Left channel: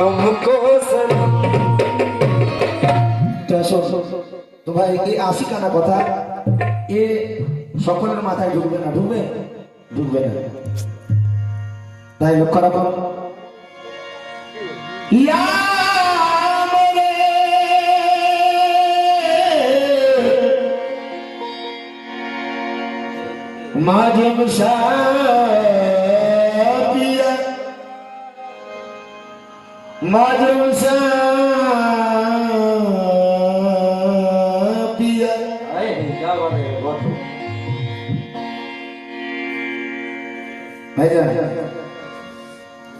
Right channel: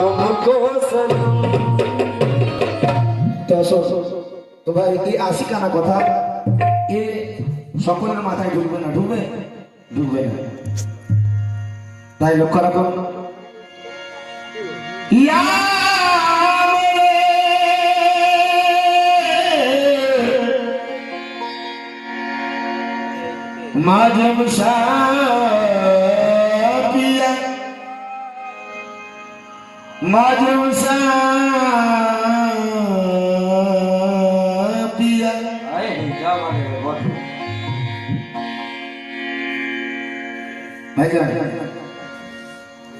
तुमको सनम। তো ভাই এই আশিকানা কথা এ সকলের মাথায় ঢুকবে না, ঢুকবে ঢুকবে না, তাই লক্ষ্য রাখুন। ইয়া মাজম পিয়া মাজম পিয়া।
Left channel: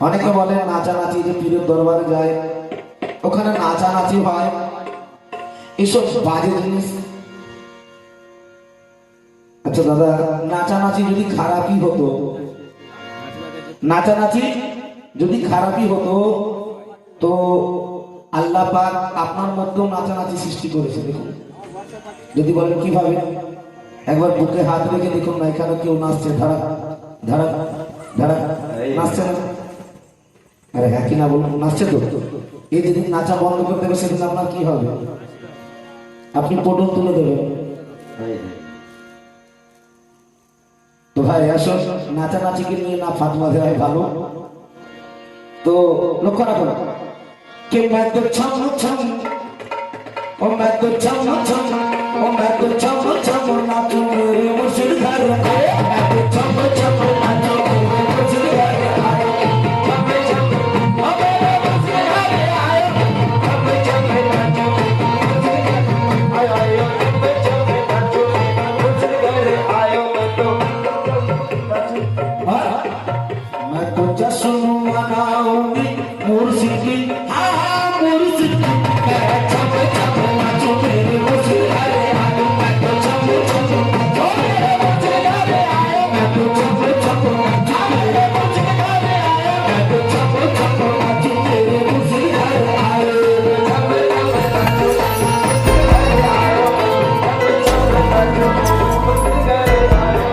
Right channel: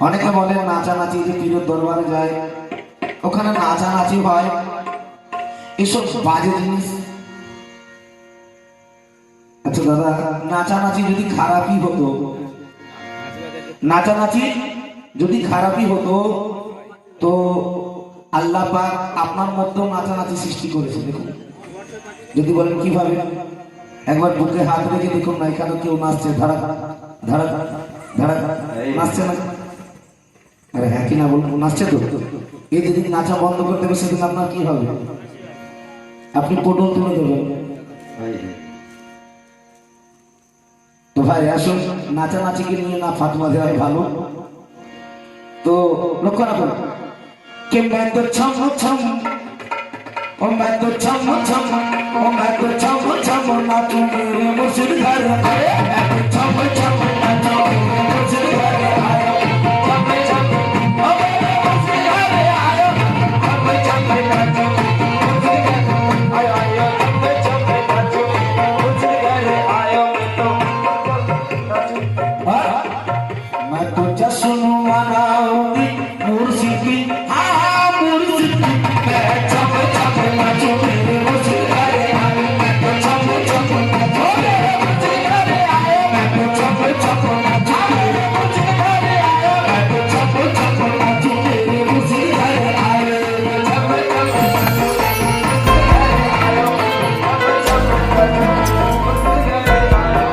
অনেকে বলেন নাচানাচি যে পীরের দরবারে যায়, ওখানে নাচানাচি হয়, এসব বাজে জিনিস। আচ্ছা দাদা, নাচানাচি যদি খারাপই হতো, নাচানাচি যদি খারাপই হতো তো আল্লাহ পাক আপনার মধ্যেও নাচানাচি সৃষ্টি করেছে। দেখুন, যদি বলেন কিভাবে, একবার বুকে হাত রেখে দেখুন না, এখানে কেউ নাচছে, ধারা ধারা ধারা নাচছে না? আরে হ্যাঁ কি না বলুন, নাচছে তো। এই যেদিন নাচা বন্ধ করতে হবে সেদিন আপনার কি হবে? আপনি পটল তুলে দেবেন। তো ভাই আসুন, নাচানাচিকে নিয়ে না ফাতোয়া দেওয়াই ভালো। তো লক্ষ্য রাখুন, কে मैं तो छम छम ओ मैं तो छम छम ओ मैं तो छम छम नाचू मेरे मुर्शिद घर में, मैं तो छम छम नाचू मेरे मुर्शिद घर आयो, छम छम ओ मेरे मुर्शिद घर आयो, छम छम नाचू मुर्शिद घर आयो आयो, छम छम नाचू मुर्शिद घर आयो, मैं तो जश्न मनाऊंगी मुर्शिद की, हाँ मुर्शिद की, मैं छम छम नाचू मेरे मुर्शिद घर आयो, मैं तो छम छम नाचू मेरे मुर्शिद घर आयो, मैं तो छम छम नाचू मेरे मुर्शिद घर आयो, मैं तो छम छम नाचू मेरे मुर्शिद घर आयो, छम छम नाचू मेरे मुर्शिद घर आयो, छम छम नाचू मुर्शिद घर आयो।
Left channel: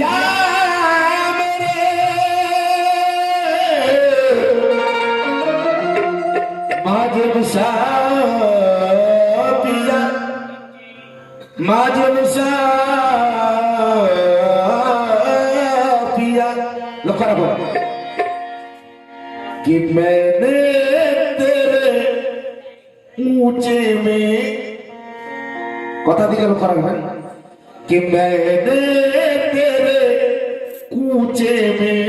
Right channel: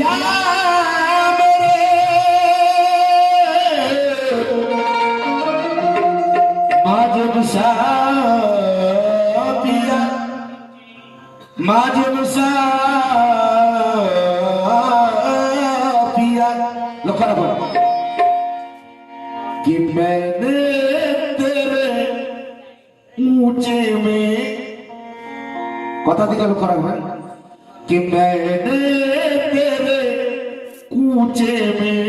या मेरे মাজম পিয়া মাজম पिया। लखा रखो कि मैंने तेरे ऊंचे में कथा दिखे लखा रखो कि मैंने तेरे कूचे में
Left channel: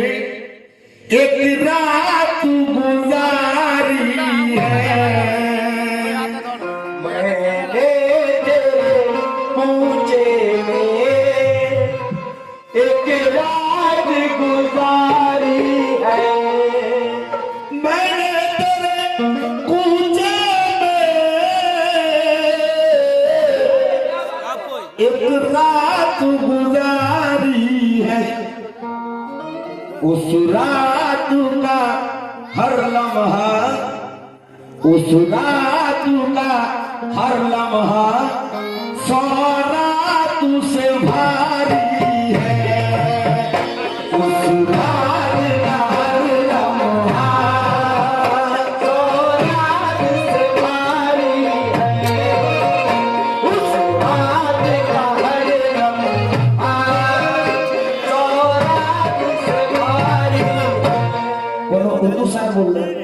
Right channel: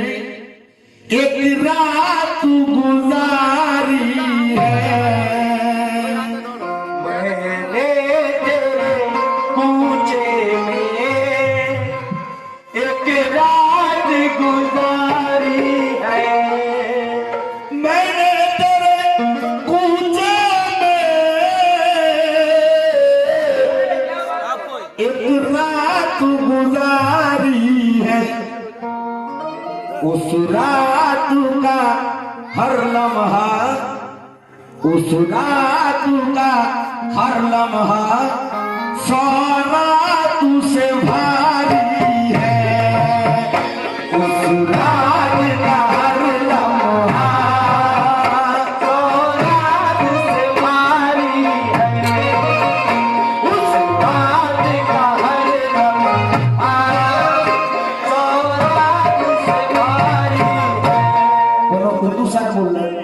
एक रात गुजारी है, मैंने तेरे कूचे में एक रात गुजारी है, मैंने तेरे कूचे में एक रात गुजारी है, उस रात का हर लम्हा, उस रात का हर लम्हा सौ रात से भारी है, उस रात का हर लम्हा सौ रात से भारी है, उस रात का हर लम्हा सौ रात से भारी है। बोलो उर्दू शायर बोल रहे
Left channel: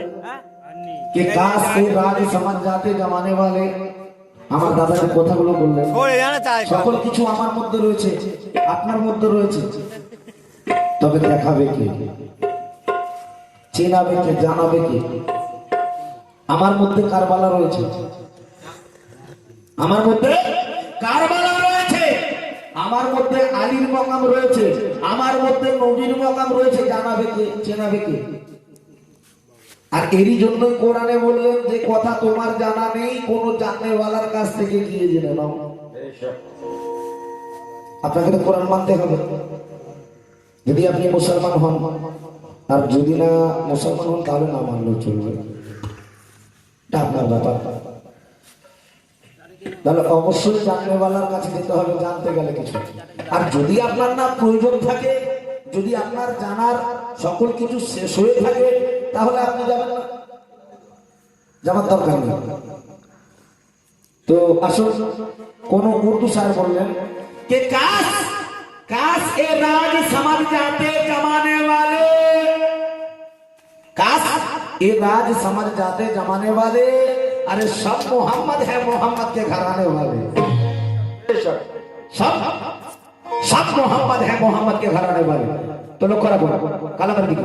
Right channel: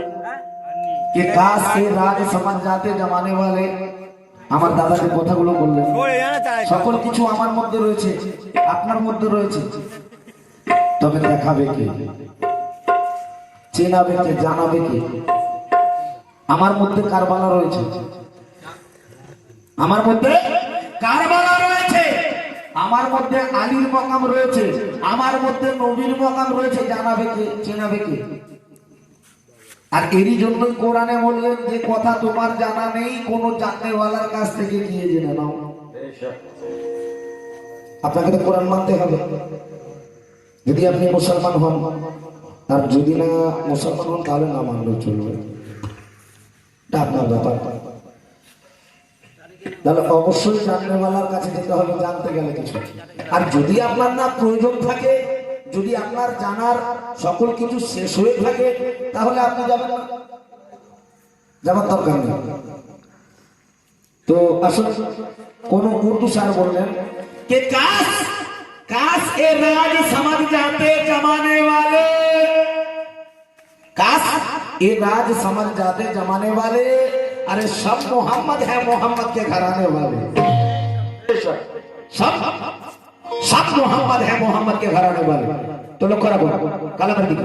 कि काश से राज समझ जाते जमाने वाले। আমার দাদা যে কথাগুলো বললেন সকল কিছু আমার মধ্যে রয়েছে, আপনার মধ্যে রয়েছে, তবে দেখাবে কে, চেনাবে কে, জানাবে কে? আমার মধ্যে কারবালা রয়েছে, আমার মধ্যে কারবালা রয়েছে, আমার মধ্যে আলীর মকাম রয়েছে, আমার মধ্যে নবীর মকাম রয়েছে, জানাবে কে, চেনাবে কে? আর এরই জন্যই কোরআনে বললেন যে কথা তোমার জানা নেই, কোন জাননেওয়ালার কাছ থেকে গিয়ে জেনে নাও। আপনাকে তো কোরআন মানতে হবে যদি আপনি মুসলমান হন, আর যদি না মুসলমান হন তাহলে না মানলেও চলবে, এটা আপনার ব্যাপার। তাহলে অবশ্যই জাননেওয়ালার কাছে যেতে হবে জানতে গেলে কিছু। আর যদি আপনার না প্রয়োজন থাকে, যদি আপনার জানার সকল কিছু শেষ হয়ে থাকে, তাহলে আপনি যাবেন না, যাবার দরকার নেই। তো আসুন, কোন উর্দু স্যার বললেন कि काश ए राज समझ जाते जमाने वाले, काश ये राज समझ जाते जमाने वाले, अरे सब मोहम्मद है मोहम्मद के घराने वाले, सब मोहम्मद है मोहम्मद के घराने वाले। तो लोग करा बोला काला कर दिखा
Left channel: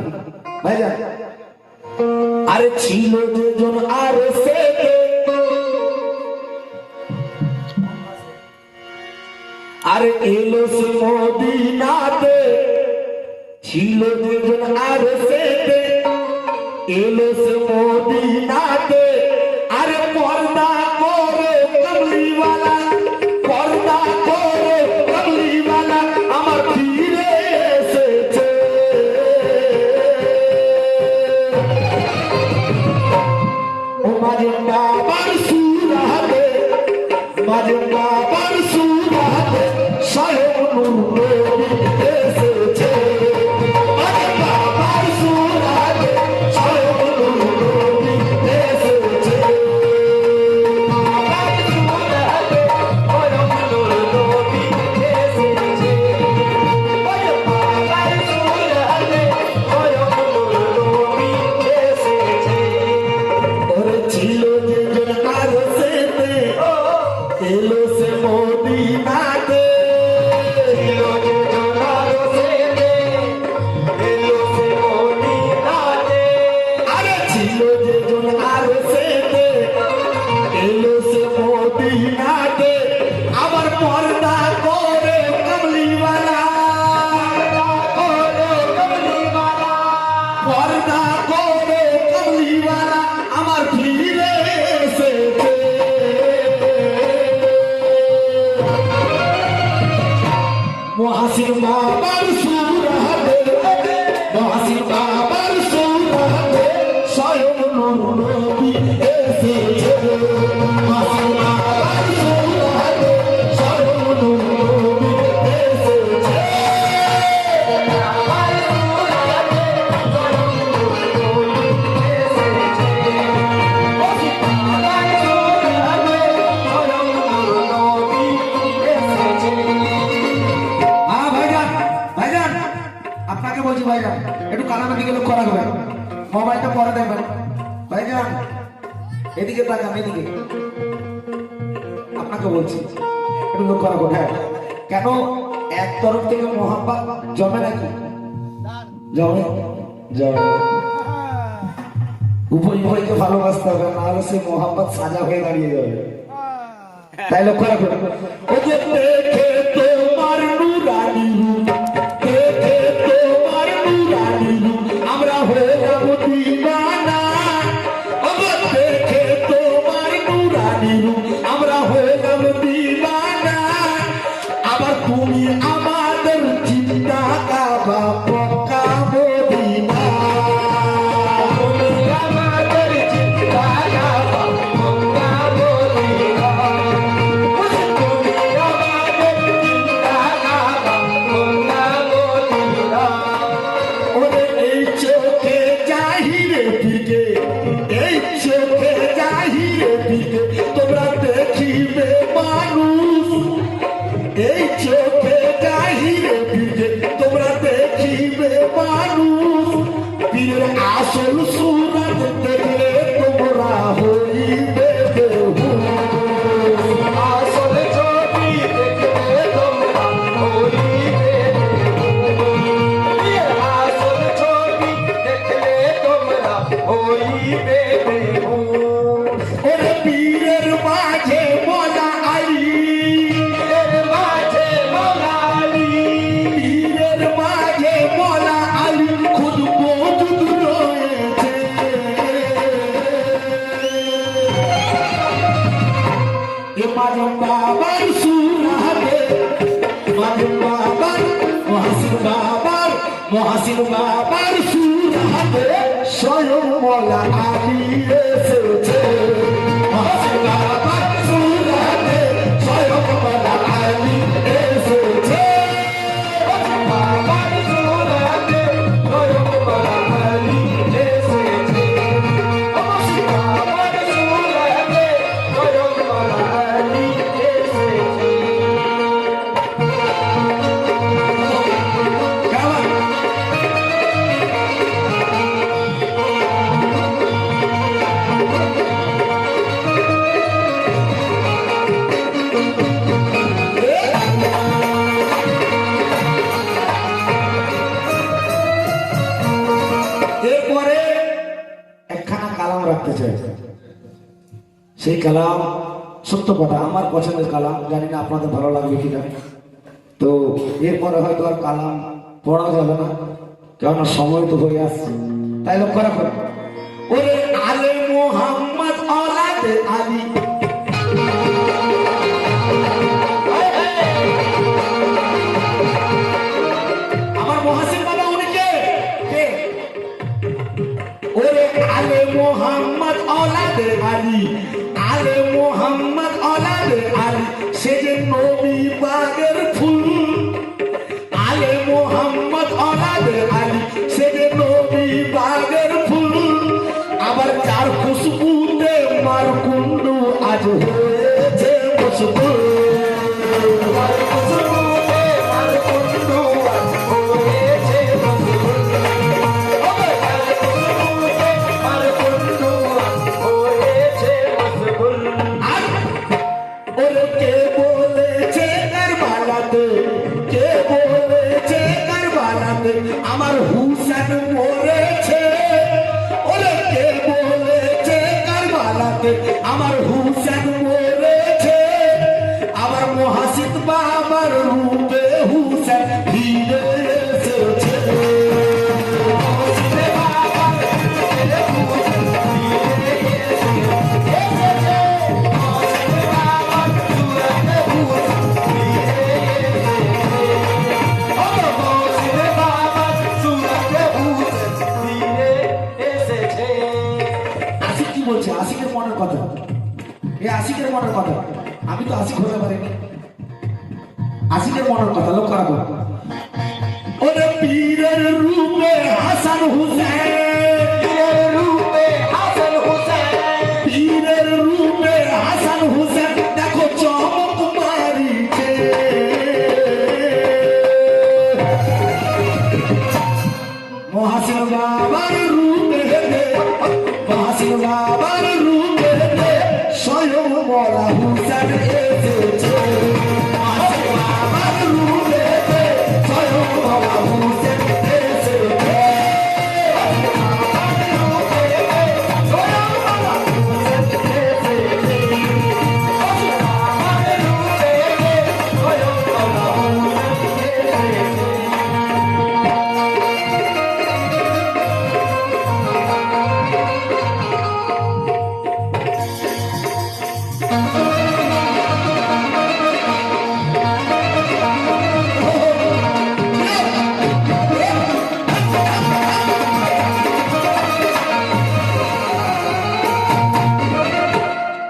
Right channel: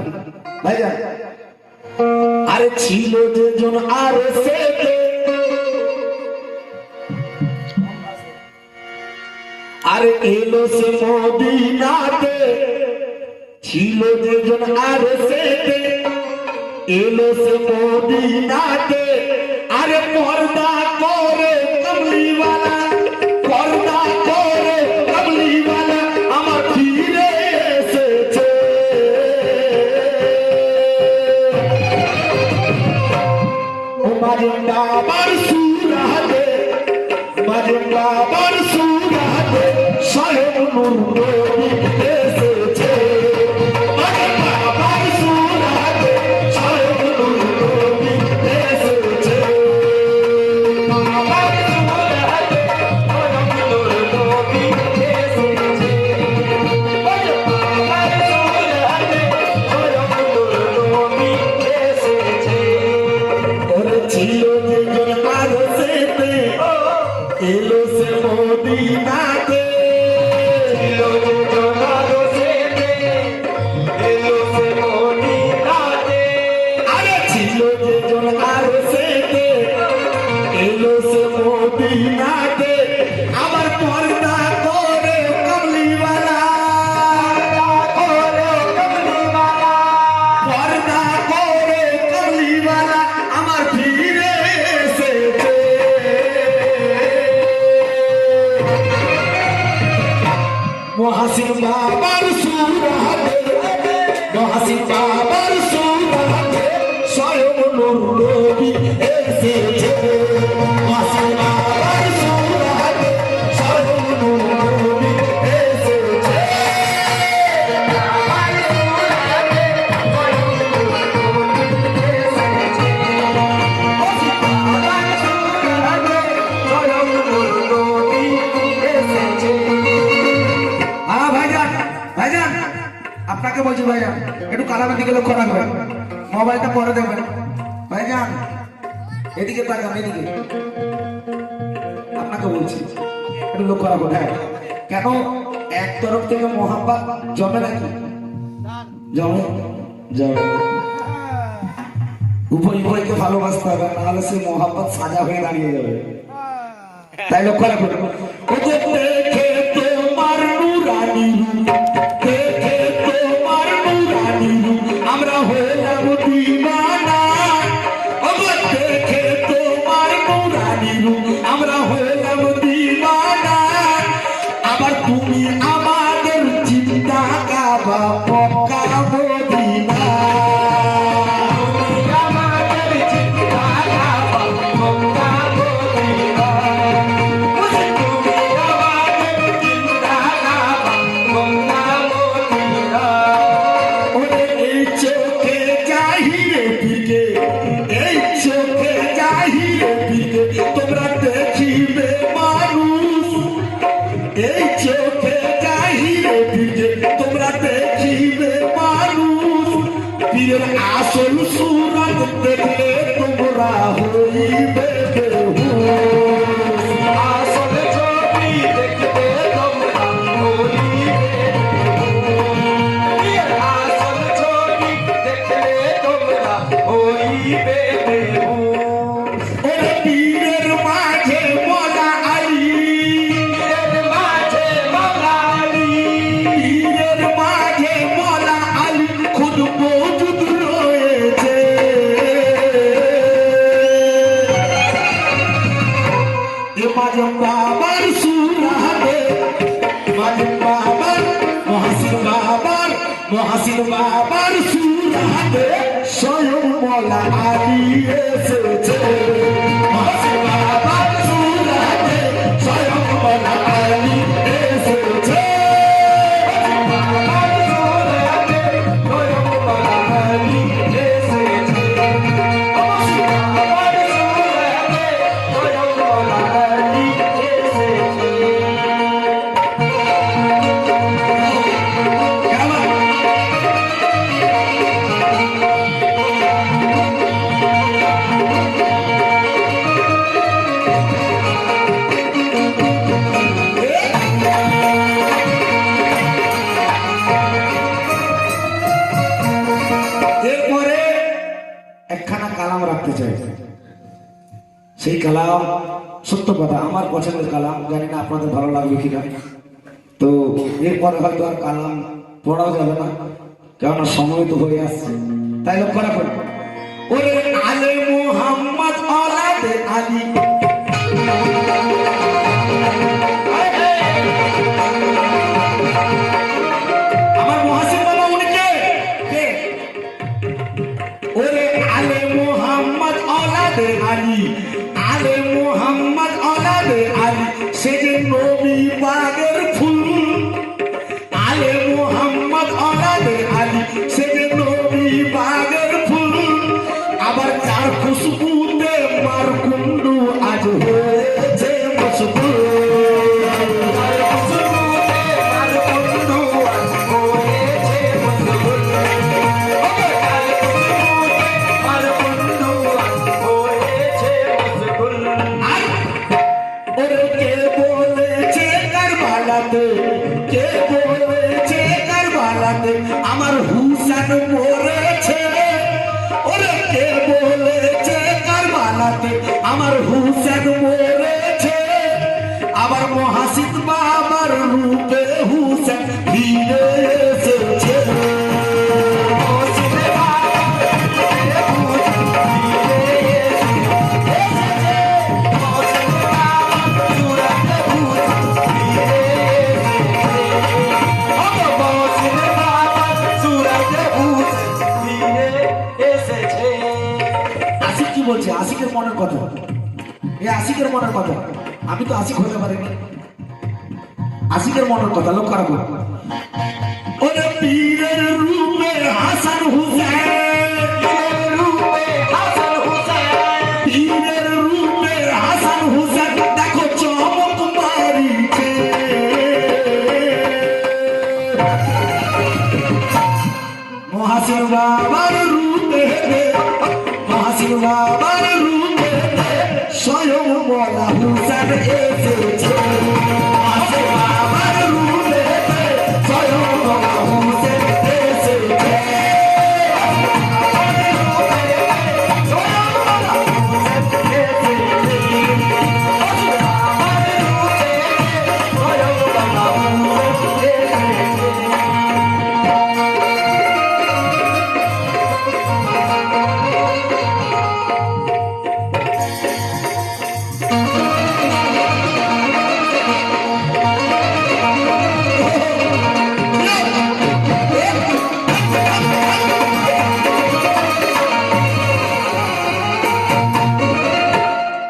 भाई जान, अरे छिलो जे जोन आरे से अरे एलो से मदीनाते छिलो जे जोन आरे से एलो से मदीनाते, अरे पर्दा करे कमली वाला, पर्दा करे कमली वाला আমার ফিরে এসেছে। ও মাঝে বাবার সুরাতে, মাঝে বাবার সুরাতে স্বয়ং নূর নবী এসেছে। মাঝে বাবার সুরাতে স্বয়ং নূর নবী এসেছে। एलो से मदीनाते, एलो जे जोनारो से एलो से मदीनाते, अरे छिलो जे जोनारो से एलो से मदीनाते, आবার पर्दा करे कमली वाला, करे कमली वाला, पर्दा करे कमली वाला আমার ফিরে এসেছে। মহাসিন বাবার সুরাতে, মহাসিন বাবার সুরাতে স্বয়ং নূর নবী এসেছে। মহাসিন বাবার সুরাতে স্বয়ং নূর নবী এসেছে। আপনাকে বলছি ভাইজান, একটু কালামের দিকে লক্ষ্য রাখবেন, মোবাইলটা পরে দেখবেন। ভাইজান এদিকে তাকান, এদিকে আপনাকে বলছি একটু লক্ষ্য রাখুন। হ্যাঁ, কেন এক তরফ থেকে মোহাব্বত জমে নাকি? জমে, জমে। উভয় উভয়কে ভালোবাসতে হবে, নাহলে সে মোহাব্বত সাজা হয়ে দাঁড়িয়ে যাবে। তাই লক্ষ্য রাখুন। ও যে দেখে তোমার নুরানি রূপ, দেখে তোমার নুরানি রূপ আমরা হলাম দিওয়ানা। ও দেখে তোমার নুরানি রূপ আমরা হলাম দিওয়ানা। আবার তুমি আমাদের চিন্তা কাবা পক্কা মদিনা, তুমি আমাদের চিন্তা কাবা পক্কা মদিনা। তোমরা দেখিবে মানুষ, এই চোখে চাহিরে দিকে তোমরা দেখিবে মানুষ। পীরের আসল সুরত দেখলে তোমরা হইবে বেহুশ, আসল ছবি দেখলে তোমরা হইবে বেহুশ, আসল ছবি দেখলে তোমরা হইবে বেহুশ। ওরে পীরের মাঝে মজা আলী, পীরের মাঝে মজা আলী, পীরের মাঝে মজা আলী খুদ মৌজুদ রয়েছে। এ মাঝে বাবার সুরাতে, মাঝে বাবার মহাসিন বাবার, মহাসিন বাবার সুরাতে স্বয়ং মওলা আলী এসেছে। মহাসিন বাবার সুরাতে রাখতে চাই। সেই কালাম সত্য কথা, আমার পছন্দের কালাম, জানি না আপনাদের ভালো লাগবে কিনা। তো এরপরে হয়তো আর কালাম পড়াও যাবে না, কেননা সময় তো হয়ে আসছে। তাই লক্ষ্য রাখুন, ওরে আলে মোহাম্মদ আলাদে আলী, আমার মহাসিন বাবা উনি কে? ওরে আলে মোহাম্মদ আলাদে আলী, আলে মোহাম্মদ আলাদে আলী, সে যে নবী পাকের ফুল। আলে মোহাম্মদ আলাদে আলী, সে যে নবী পাকের ফুল। আবার চার খুশবুতে মার কুন্ডু আজ হয়েছে মশগুল। কে বলেছে কারবালাতে আমার হুসেন মরেছে? ওরে কে বলেছে কারবালাতে আমার হুসেন মরেছে? আবার মহাসিন বাবার রূপে হুসেন ফিরে এসেছে। আশিকের মনের কথা, এই আশিকের মনের কথা, আমি তো আশিক হতে পারিনি। আশিকের মনের কথা লক্ষ্য রাখো, ওরে পীরের রূপে হাসান হুসেন, পীরের রূপে হাসান হুসেন, পীরের রূপে হাসান হুসেন, দেখো চমক মারিছে। মহাসিন বাবার রূপে, মহাসিন বাবার রূপে স্বয়ং বলা হুসেন এসেছে। মহাসিন বাবার রূপে স্বয়ং বলা হুসেন এসেছে।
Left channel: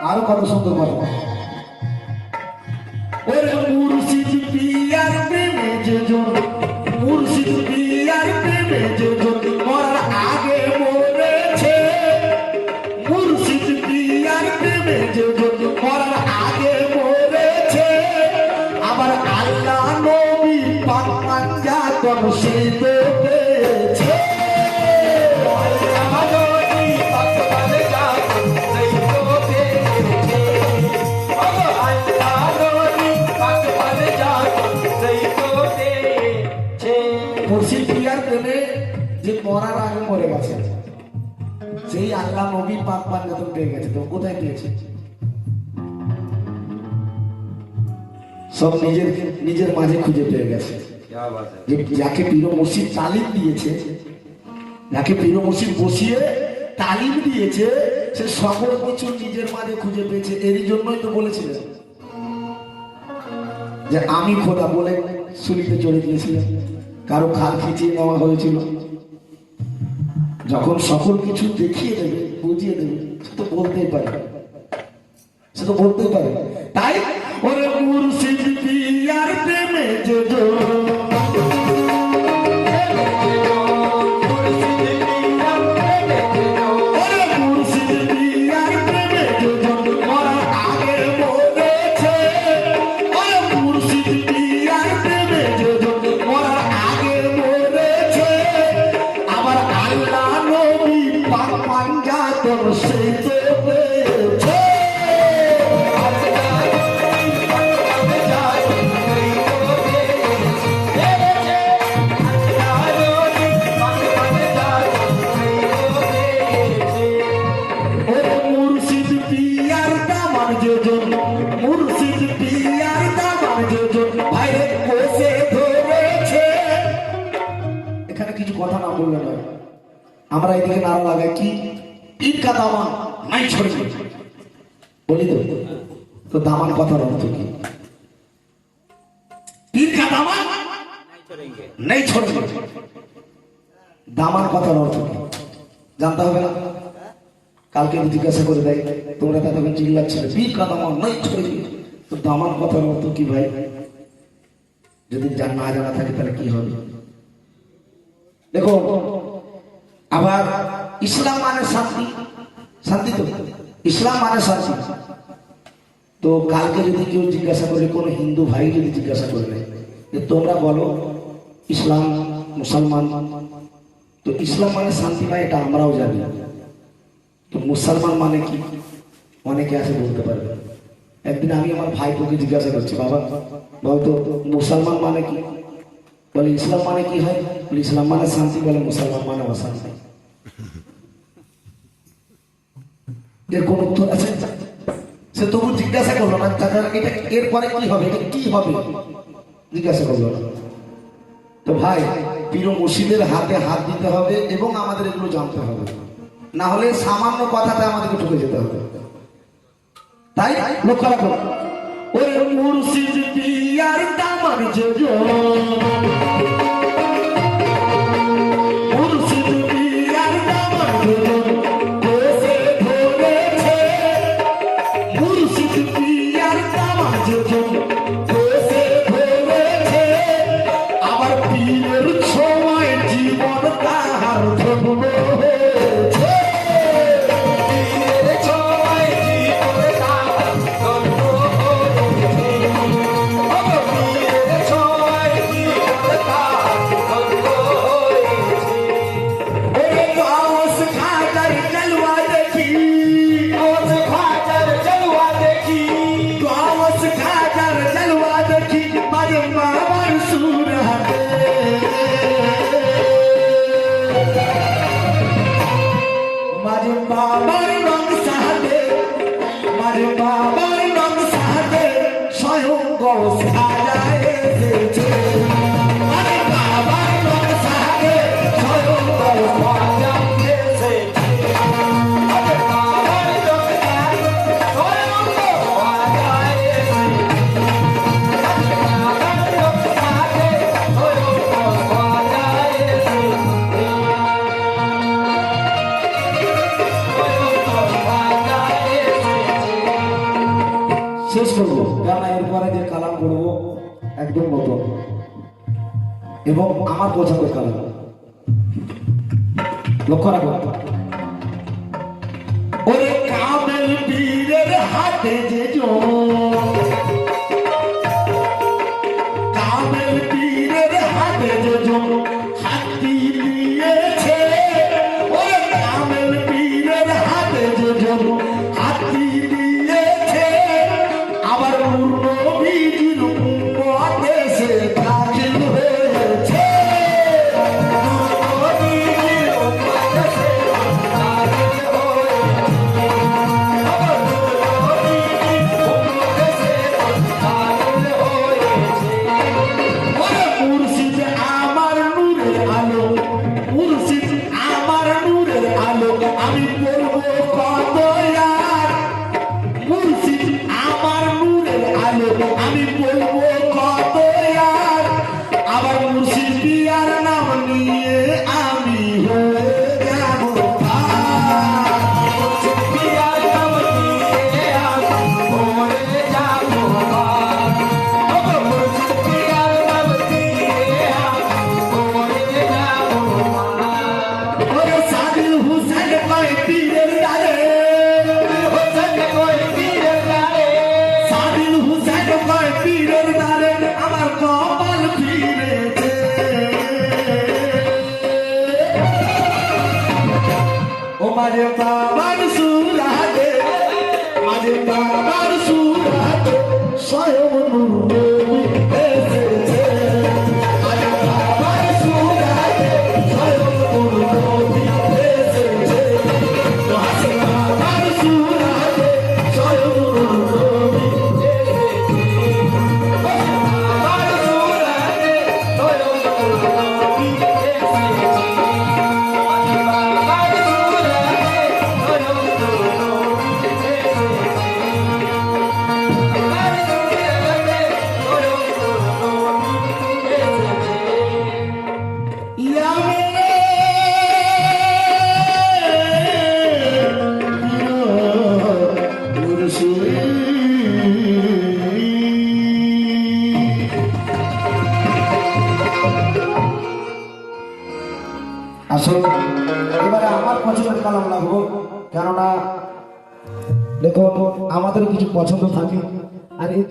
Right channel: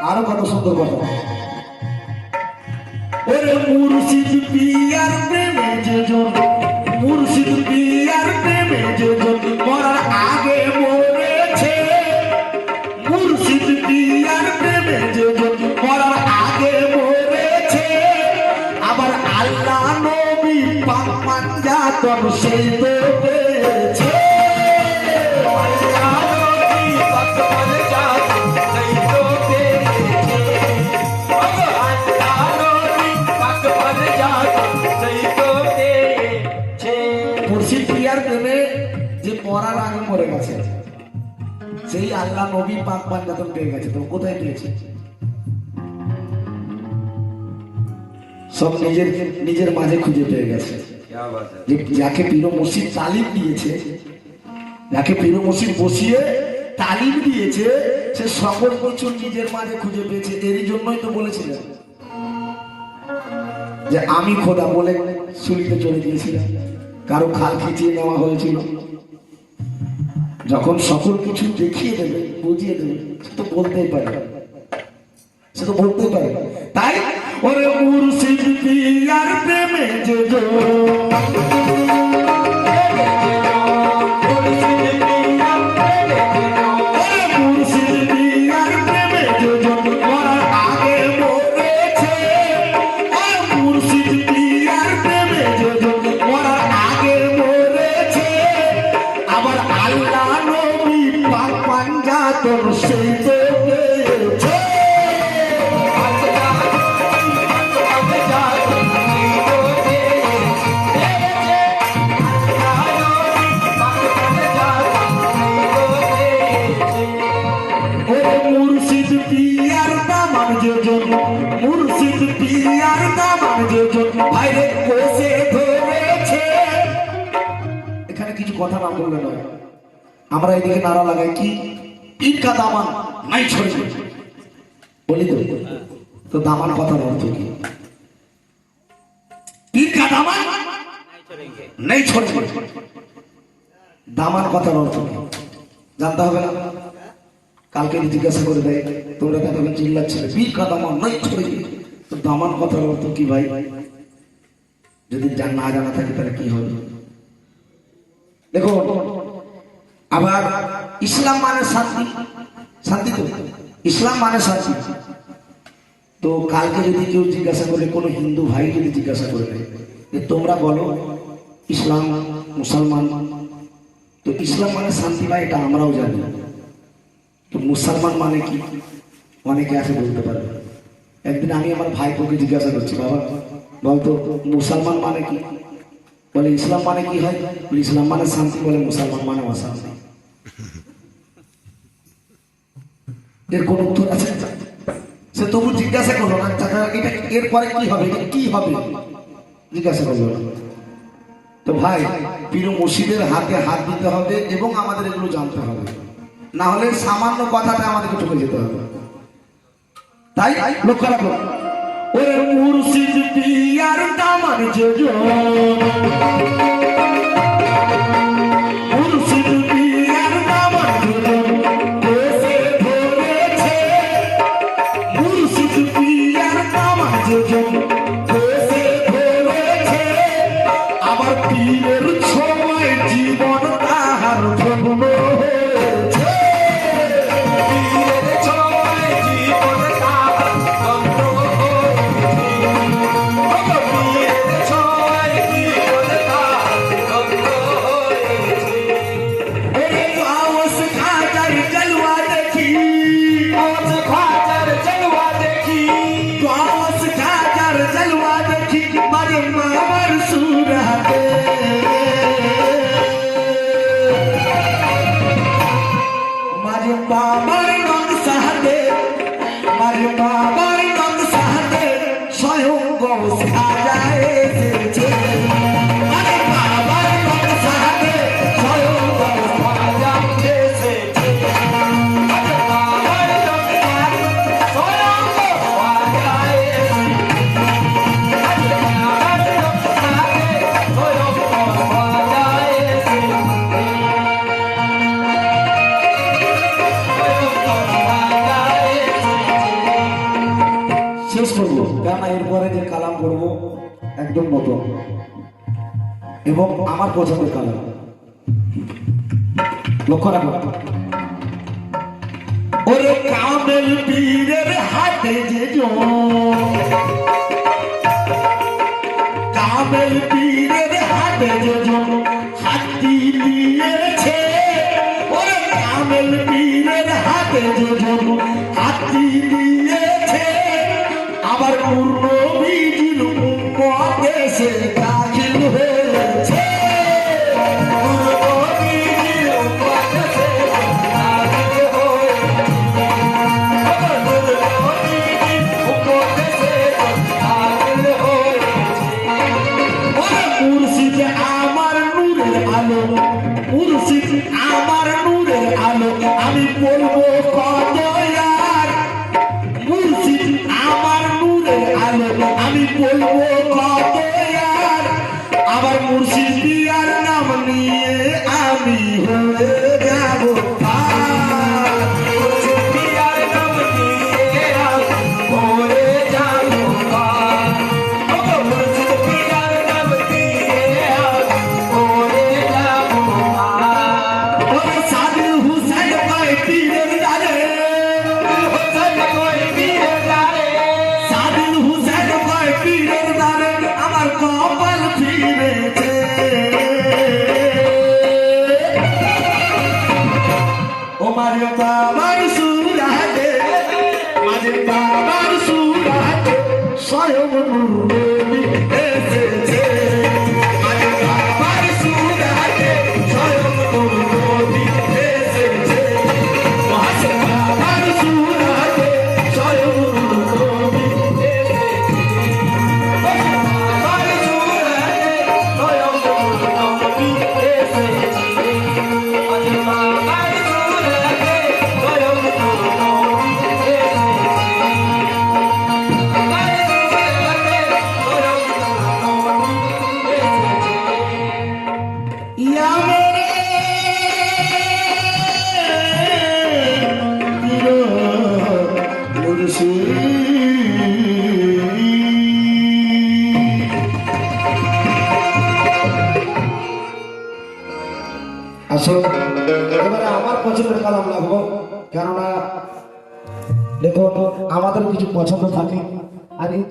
আরো কত সুন্দর কথা, ওরে মুর্শিদ পিয়ার প্রেমে যেজন, মুর্শিদ পিয়ার প্রেমে যেজন মরার আগে মরেছে। মুর্শিদ পিয়ার প্রেমে যেজন মরার আগে মরেছে। আবার আল্লাহ নবী পাক পাঞ্জাতন সেই তো পেয়েছে। মুর্শিদ পিয়ার প্রেমে যে মরার আগে মরে গেছে, সেই আল্লাহ নবী পাক পাঞ্জাতন পেয়ে গেছে। তো কোথায় পেয়েছে? সব নিজের নিজের মাঝে খুঁজে পেয়ে গেছে। যে যাকে পীর মুর্শিদ তালিম দিয়েছে, যাকে পীর মুর্শিদ বসিয়ে তালিম দিয়েছে, সে সকল কিছু নিজের মাঝে খুঁজে পেয়েছে। এরই জন্যই তো বলেছিলেন যে আমি খোদা বলে সুলিতে চলে গিয়েছিলাম, কারো খাল খিচিয়ে নেওয়া হয়েছিল। যখন সকল কিছু দেখিয়ে দেবে, বুঝিয়ে দেবে, সে তো বলতেই পারে, সে তো বলতেই পারে। তাই ওরে মুর্শিদ পিয়ার প্রেমে যেজন, কথা না বললে নয়। আমরা এদিকে নারা লাগাই কি পীর কা দামান নাই ছড়ে বলি তো। তো দামান কথার অর্থ কি? পীর কা দামান নাই ছড়ে, দামান কথার অর্থ কি জানতে হবে না? কালকে জিজ্ঞাসা করে দেয়, তোমরা তখন চিল্লাচ্ছিলে পীর কা দামান নাই ছড়ে, তো দামান কথার অর্থ কি ভাই? যদি না জানা থাকে তাহলে কি হবে? দেখো, আবার ইসলাম মানে শান্তি, শান্তি তো ইসলাম মানে শান্তি। তো কালকে যদি কেউ জিজ্ঞাসা করে, কোনো হিন্দু ভাই যদি জিজ্ঞাসা করে নেয় যে তোমরা বলো ইসলাম মুসলমান, তো ইসলাম মানে শান্তি নয় এটা আমরাও জানি, তো মুসলমান মানে কি অনেকে আছে বলতে পারবে। একদিন আমি আমার ভাইকে জিজ্ঞাসা করছি, বাবা বলতো মুসলমান মানে কি? বলে ইসলাম মানে কি হয়? বলে ইসলাম মানে শান্তি, বলে মুসলমান মানে অশান্তি। এর কোন উত্তর আছে? সে তবু জিজ্ঞাসা করলো না, এটা এরপরে কি হবে, এটা কি হবে জিজ্ঞাসা করলো না। তো ভাই, পীর মুর্শিদের হাতে হাত দিতে হবে এবং আমাদের এগুলো জানতে হবে, না হলে সামান্য কথাটা আমাদেরকে ঠকে যেতে হবে। তাই লক্ষ্য রাখো, ওরে মুর্শিদ পিয়ার দামান যোজন, মুর্শিদ পিয়ার দামান যোজন দেশে ধরেছে, মুর্শিদ পিয়ার দামান যোজন দেশে ধরেছে, আবার পীরের সময় জীবন তাহার ধন্য হয়েছে, পীরের সময় জীবন তাহার ধন্য হয়েছে, পীরের সময় জীবন তাহার ধন্য হয়েছে। ওরে গাওস খাজার জলওয়া দেখি, গাওস খাজার জলওয়া দেখি, গাওস খাজার জলওয়া দেখি, মাঝে মামার সুর হাতে, মাঝে বাবার রং সাহাতে, মাঝে বাবার রং সাহাতে স্বয়ং গাওস খাজা এসেছে, মাঝে বাবার রং সাহাতে স্বয়ং গাওস খাজা এসেছে, মাঝে বাবার রং সাহাতে স্বয়ং গাওস খাজা এসেছে, মাঝে বাবার রং সাহাতে স্বয়ং গাওস খাজা শেষ করবো, কেন এরপরে যে কালাম করবো একদম নতুন এবং আমার পছন্দের কালাম। লক্ষ্য রাখো, ওরে কামেল পীরের হাতে যে কামেল পীরের হাতে যে হাতি নিয়েছে, ওরে কামেল পীরের হাতে যে হাতি নিয়েছে, আবার পূর্ণ বিধির উপদেশে দাখিল হয়েছে, পূর্ণ বিধির উপদেশে দাখিল হয়েছে, আবার পূর্ণ বিধির উপদেশে দাখিল হয়েছে। ওরে মুর্শিদ আমার নূরের আলো, মুর্শিদ আমার নূরের আলো, আমি বলবো কত আর, মুর্শিদ আমার নূরের আলো, আমি বলবো কত আর, আবার মুর্শিদ পিয়ার নাম নিয়ে আমি হয়ে যাব পার, মুর্শিদ পিয়ার নাম নিয়ে আমি হয়ে যাব পার, মুর্শিদ পিয়ার নাম নিয়ে আমি হয়ে যাব পার। ওরে সাদিল হুসেন কয় পীরের ডালে, হুসেন কয় পীরের ডালে, সাদিল হুসেন কয় পীরের ডালে, আমার কপাল ফিরেছে, ও মারে বাবার সুরাতে, মারে বাবার সুরাতে স্বয়ং নূরে এসেছে, মারে বাবার সুরাতে স্বয়ং নূরে এসেছে, মারে বাবার সুরাতে স্বয়ং নূরে এসেছে, মারে বাবার সুরাতে স্বয়ং নূরে এসেছে। আসুন এবারে আমার পছন্দের কালাম লাগবো, কেননা দেখো আমাদের কিছু পছন্দ থাকে আর এই